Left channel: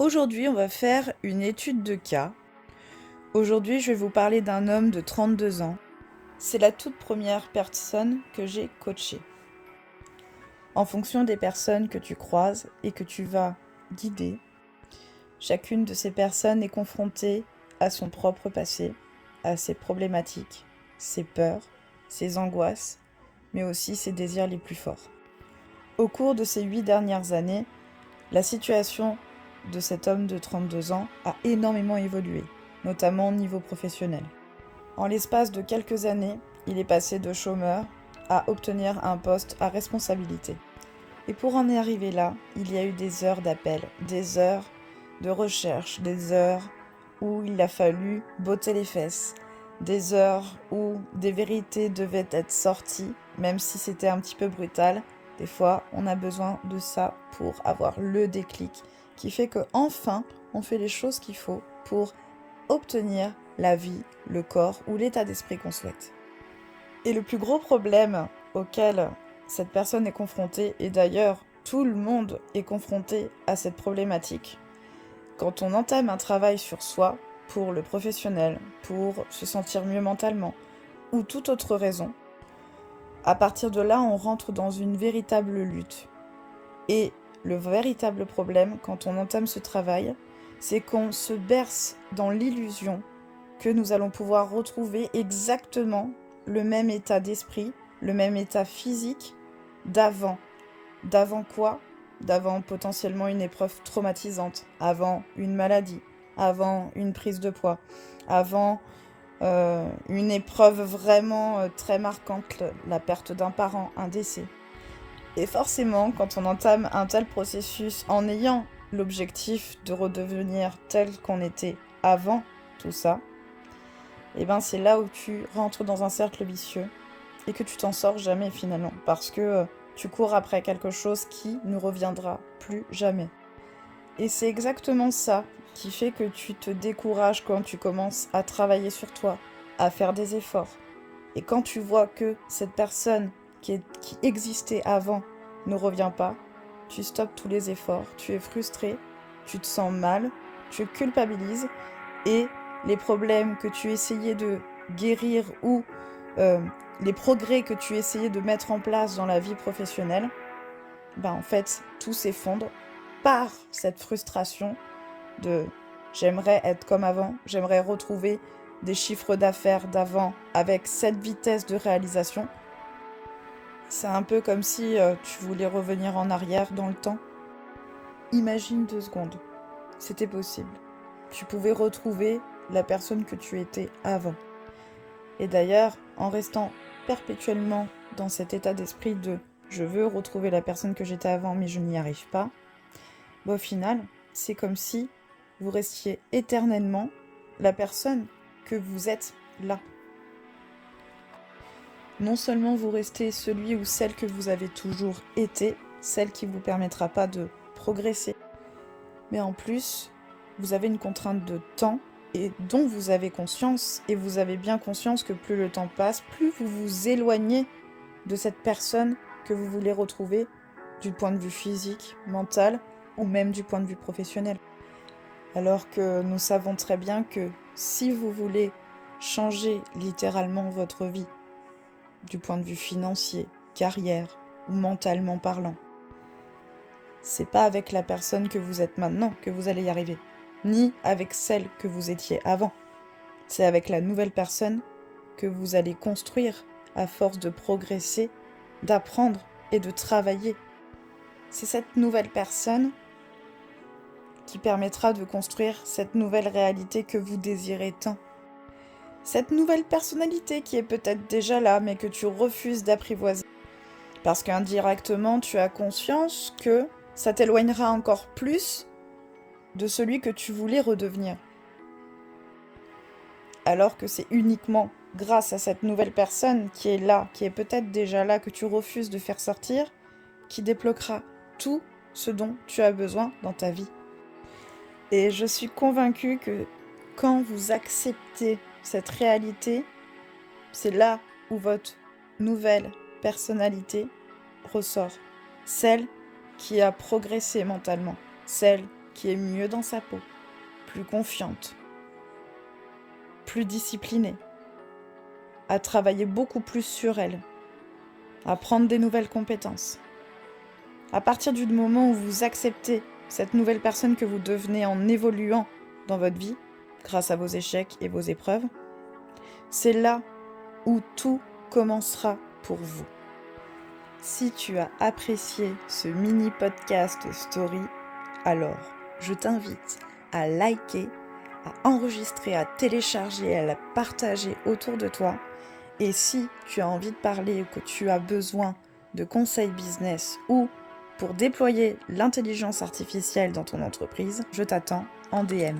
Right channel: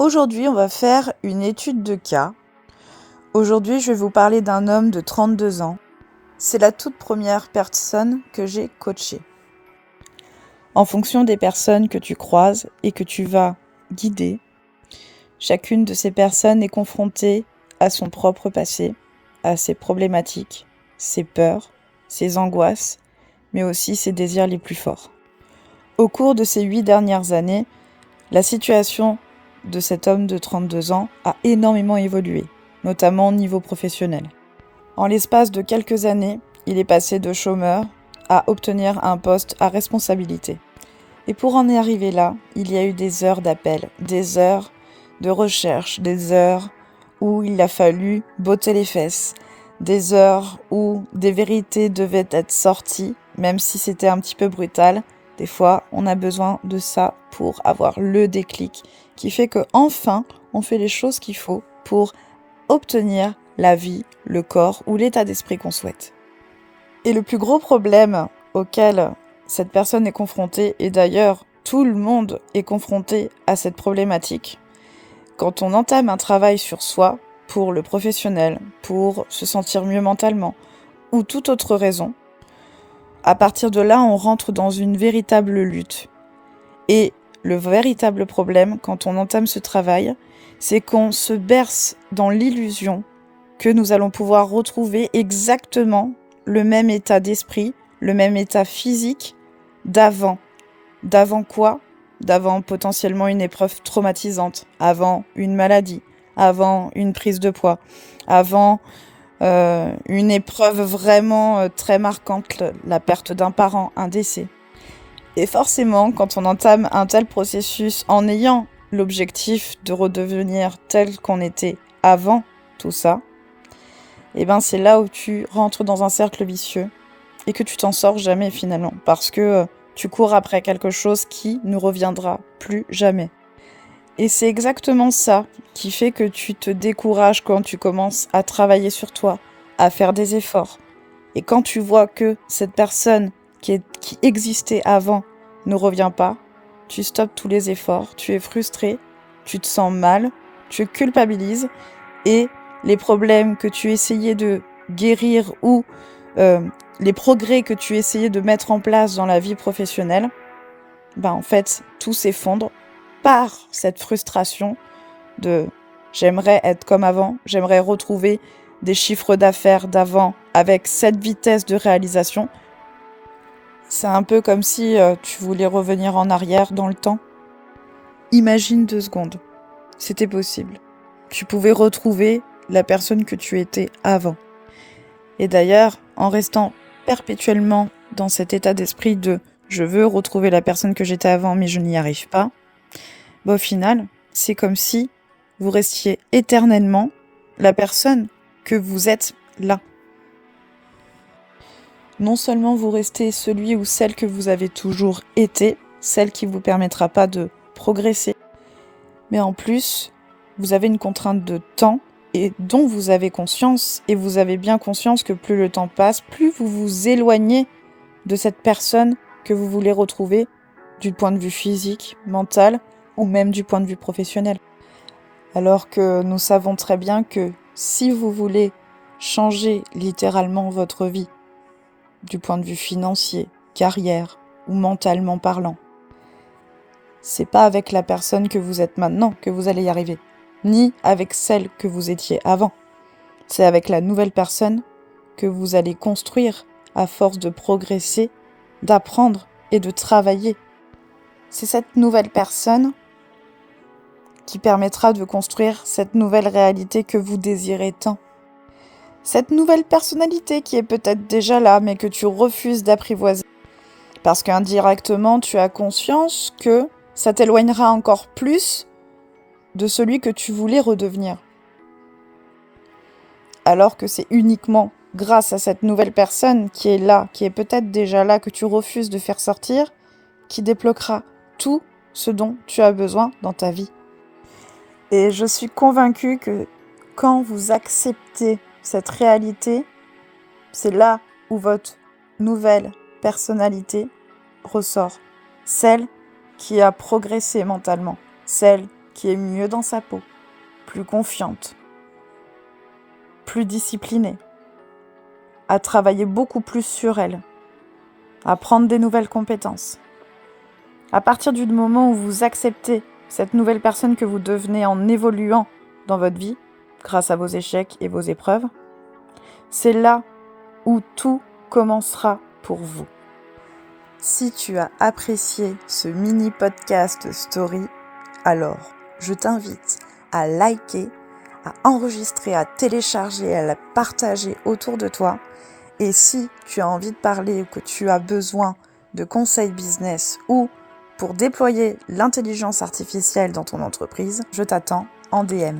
Aujourd'hui, on va faire une étude de cas. Aujourd'hui, je vais vous parler d'un homme de 32 ans. C'est la toute première personne que j'ai coachée. En fonction des personnes que tu croises et que tu vas guider, chacune de ces personnes est confrontée à son propre passé, à ses problématiques, ses peurs, ses angoisses, mais aussi ses désirs les plus forts. Au cours de ces 8 dernières années, la situation de cet homme de 32 ans a énormément évolué, notamment au niveau professionnel. En l'espace de quelques années, il est passé de chômeur à obtenir un poste à responsabilité. Et pour en arriver là, il y a eu des heures d'appel, des heures de recherche, des heures où il a fallu botter les fesses, des heures où des vérités devaient être sorties, même si c'était un petit peu brutal. Des fois, on a besoin de ça pour avoir le déclic qui fait que enfin, on fait les choses qu'il faut pour obtenir la vie, le corps ou l'état d'esprit qu'on souhaite. Et le plus gros problème auquel cette personne est confrontée, et d'ailleurs tout le monde est confronté à cette problématique, quand on entame un travail sur soi, pour le professionnel, pour se sentir mieux mentalement, ou toute autre raison, à partir de là, on rentre dans une véritable lutte. Et le véritable problème, quand on entame ce travail, c'est qu'on se berce dans l'illusion que nous allons pouvoir retrouver exactement le même état d'esprit, le même état physique d'avant. D'avant quoi ? D'avant potentiellement une épreuve traumatisante, avant une maladie, avant une prise de poids, avant une épreuve vraiment très marquante, la perte d'un parent, un décès. Et forcément, quand on entame un tel processus en ayant l'objectif de redevenir tel qu'on était avant tout ça, et ben c'est là où tu rentres dans un cercle vicieux et que tu t'en sors jamais finalement, parce que tu cours après quelque chose qui ne reviendra plus jamais. Et c'est exactement ça qui fait que tu te décourages quand tu commences à travailler sur toi, à faire des efforts. Et quand tu vois que cette personne qui existait avant ne revient pas, tu stoppes tous les efforts, tu es frustré, tu te sens mal, tu culpabilises et les problèmes que tu essayais de guérir ou les progrès que tu essayais de mettre en place dans la vie professionnelle, en fait, tout s'effondre par cette frustration de j'aimerais être comme avant, j'aimerais retrouver des chiffres d'affaires d'avant avec cette vitesse de réalisation. C'est un peu comme si tu voulais revenir en arrière dans le temps. Imagine 2 secondes, c'était possible. Tu pouvais retrouver la personne que tu étais avant. Et d'ailleurs, en restant perpétuellement dans cet état d'esprit de je veux retrouver la personne que j'étais avant mais je n'y arrive pas, au final, c'est comme si vous restiez éternellement la personne que vous êtes là. Non seulement vous restez celui ou celle que vous avez toujours été, celle qui ne vous permettra pas de progresser, mais en plus, vous avez une contrainte de temps et dont vous avez conscience, et vous avez bien conscience que plus le temps passe, plus vous vous éloignez de cette personne que vous voulez retrouver du point de vue physique, mental ou même du point de vue professionnel. Alors que nous savons très bien que si vous voulez changer littéralement votre vie, du point de vue financier, carrière ou mentalement parlant, c'est pas avec la personne que vous êtes maintenant que vous allez y arriver, ni avec celle que vous étiez avant. C'est avec la nouvelle personne que vous allez construire à force de progresser, d'apprendre et de travailler. C'est cette nouvelle personne qui permettra de construire cette nouvelle réalité que vous désirez tant. Cette nouvelle personnalité qui est peut-être déjà là, mais que tu refuses d'apprivoiser. Parce qu'indirectement, tu as conscience que ça t'éloignera encore plus de celui que tu voulais redevenir. Alors que c'est uniquement grâce à cette nouvelle personne qui est là, qui est peut-être déjà là, que tu refuses de faire sortir, qui débloquera tout ce dont tu as besoin dans ta vie. Et je suis convaincue que quand vous acceptez cette réalité, c'est là où votre nouvelle personnalité ressort. Celle qui a progressé mentalement, celle qui est mieux dans sa peau, plus confiante, plus disciplinée, à travailler beaucoup plus sur elle, à prendre des nouvelles compétences. À partir du moment où vous acceptez cette nouvelle personne que vous devenez en évoluant dans votre vie, grâce à vos échecs et vos épreuves, c'est là où tout commencera pour vous. Si tu as apprécié ce mini podcast story, alors je t'invite à liker, à enregistrer, à télécharger, à la partager autour de toi. Et si tu as envie de parler ou que tu as besoin de conseils business ou pour déployer l'intelligence artificielle dans ton entreprise, je t'attends en DM.